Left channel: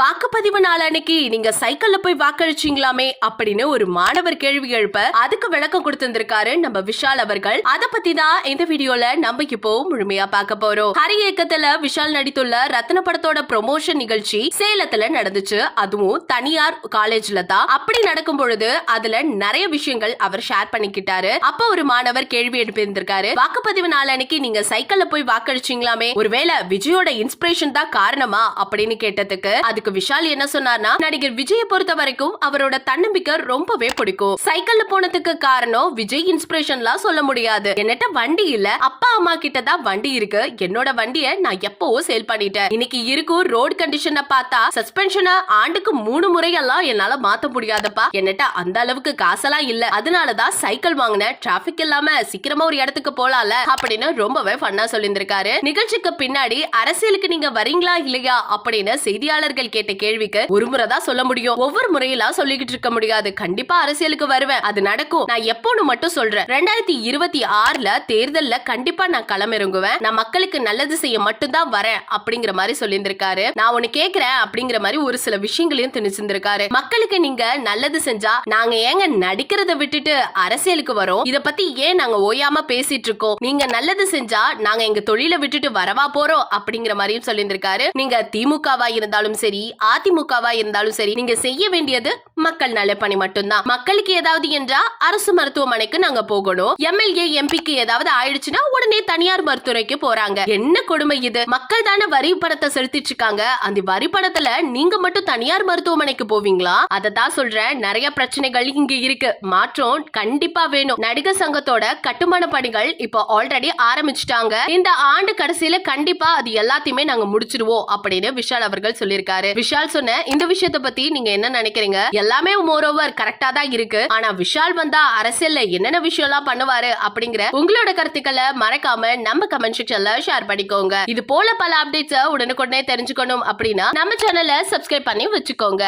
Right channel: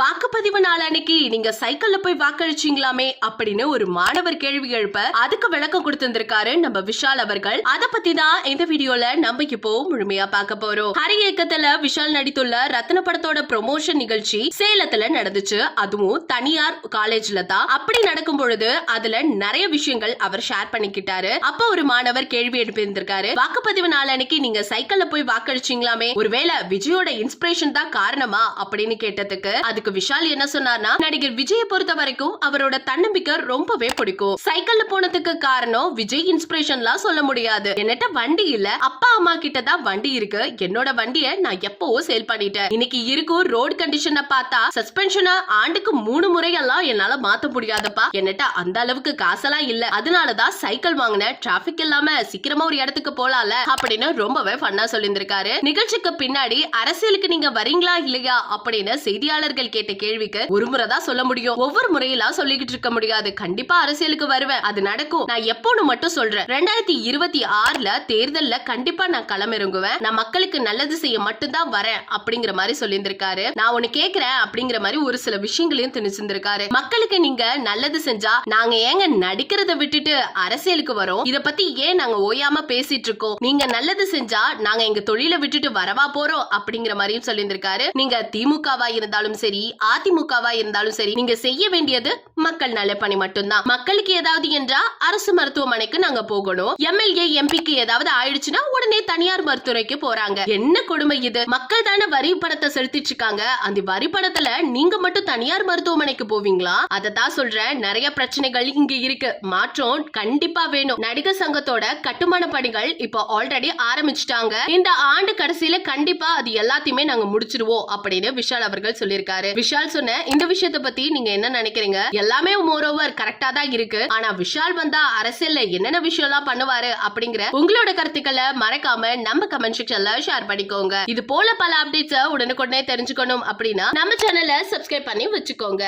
வாக்குப்பதிவு நாள் அன்னைக்கு நீங்க சைக்கிள்ல போய் வாக்களிச்சீங்களாமே அப்படின்னு ஒரு மாணவர் கேள்வி எழுப்ப அதுக்கு விளக்கம் கொடுத்திருந்திருக்காரு நம்ம விஷால் அவர்கள். அத பத்தி தான் இந்த வீடியோல நம்ம இப்போ முழுமையா பார்க்க போறோம். ஹரி இயக்கத்துல விஷால் நடித்துள்ள ரத்ன படத்தோட ப்ரொமோஷன் நிகழ்ச்சி சேலத்துல நடந்துச்சு. அதுவும் தனியார் காலேஜ்ல தான். அப்படி நடக்கும் பொழுது அதுல நிறைய விஷயங்கள் அவர் ஷேர் பண்ணிக்கிட்டாரு. அப்ப ஒரு மாணவர் கேள்வி எழுப்பியிருந்திருக்காரு. வாக்குப்பதிவு நாள் அன்னைக்கு நீங்க சைக்கிள்ல போய் வாக்களிச்சீங்களாமே? ஒருவேளை விஜயோட இன்ஸ்பிரேஷன் தான் காரணமா? அப்படின்னு கேட்டதுக்கு அது அதுக்கு விஷால் என்ன சொன்னார்னா நடிகர் விஜயை பொறுத்த வரைக்கும் அவரோட தன்னம்பிக்கை ரொம்பவே பிடிக்கும். சைக்கிள்ல போனதுக்கு காரணம் விஜய் இன்ஸ்பிரேஷன்லாம் சொல்ல முடியாது. என்னட்ட வண்டி இல்ல அப்பா அம்மா கிட்ட தான் வண்டி இருக்கு. என்னோட வண்டிய நான் எப்பவோ சேல் பண்ணிட்டேன். இன்னைக்கு இருக்கும் ரோடு கண்டிஷனை பார்த்தா சஸ்பென்ஷனை ஆண்டுக்கு மூணு முறையெல்லாம் என்னால மாத்த முடியாதப்பா. என்னட்ட அந்த அளவுக்கு காசெல்லாம் இல்ல. அதனாலதான் சைக்கிள் வாங்கினேன் டிராபிக் இல்லாம சீக்கிரமா ஒரு இடத்துக்கு போலாம்ல அப்படின்னு ரொம்பவே ஃபன்னா சொல்லியிருந்திருக்காரு. நிகழ்ச்சிக்கு பின்னாடி அரசியலுக்கு நீங்க வரீங்களா இல்லையா? அப்படின்னு செய்தியாளர்கள் கேட்ட கேள்விக்கு ஒரு முறை தான் சொல்ல முடியும். ஒவ்வொரு முறையெல்லாம் சொல்லிக்கிட்டு இருக்க முடியாது. கண்டிப்பா அரசியலுக்கு வருவேன். அது நடக்கும். நான் எப்போன்னு மட்டும் சொல்றேன். ரெண்டாயிரத்தி இருபத்தி ஆறுல தேர்தல்ல கண்டிப்பா கண்டிப்பா நான் களமிறங்குவேன். நான் மக்களுக்கு நல்லது செய்ய மட்டும்தான் வரேன் அப்படிங்கிற மாதிரி சொல்லியிருந்திருக்காரு. நான் ஒண்ணு கேக்குறேன் அப்படிங்கிற மாதிரி ஒரு சில விஷயங்களையும் திணிச்சிருந்திருக்காரு. மக்களுக்கு நீங்க நல்லது செஞ்சா நாங்க ஏங்க நடிக்கிறத விட்டுட்டு அரசியலுக்கு வரோம்? இத பத்தி ஏன் நாங்க ஓயாம பேசிட்டு இருக்கோம்? நீங்க நல்லது செஞ்சா நாங்க எங்க தொழில விட்டுட்டு வரவா போறோம்? அப்படிங்கிற மாதிரியும் சொல்லியிருந்திருக்காரு. நீங்க திமுகவா இருந்தாலும் சரி அதிமுகவா இருந்தாலும் சரி நீங்க செய்ய வேண்டியது மக்கள் நல பணி மட்டும்தான். மக்களுக்கு ஏதாவது என்றா அரசு மருத்துவமனைக்கு நாங்க போகணும். எம்எல்ஏ எம்பிக்கு ஏதாவது ஆயிடுச்சுன்னா உடனே தனியார் மருத்துவரைக்கு போறாங்க. என்ன கொடுமை இது? மக்கள் தானே வரி பணத்தை செலுத்திட்டு இருக்காங்க. அந்த வரி பணத்துல நீங்க மட்டும் தனியார் மருத்துவமனைக்கு போவீங்களா? அதை தான் சொல்றேன். நிறைய பிரச்சனைகள் இங்க இருக்கு. மாற்றம் கண்டிப்பா வேணும். நடிகர் சங்கத்தோட கட்டுமான பணிகள் இப்போ ஆல்ரெடி ஆரம்பிச்சுட்டாங்க. இந்த ஆண்டு கடைசியில கண்டிப்பா அது எல்லாத்தையுமே நாங்க முடிச்சிருவோம் அப்படின்னு விஷால் அவர்கள் சொல்லியிருக்காரு. விஷால் சொன்ன இந்த விஷயத்த பத்தி நீங்க என்ன நினைக்கிறீங்க? எல்லாமே மோர் ஓவர் கரெக்டா தான் இருக்கு. ஆனா விஷால் வந்தா அரசியல்ல என்னென்ன விஷயம் எல்லாம் பண்ணுவாரு அப்படிங்கிற உங்களோட கருத்துக்களை மறக்க மறக்காம நம்ம கமெண்ட் செக்ஷன்ல ஷேர் பண்ணிக்கோங்க. இது போல பல அப்டேட்ஸ் உடனுக்குடனே தெரிஞ்சுக்கணும் அப்படின்னா நம்ம சேனலை சப்ஸ்கிரைப் பண்ணி வச்சுக்கோங்க.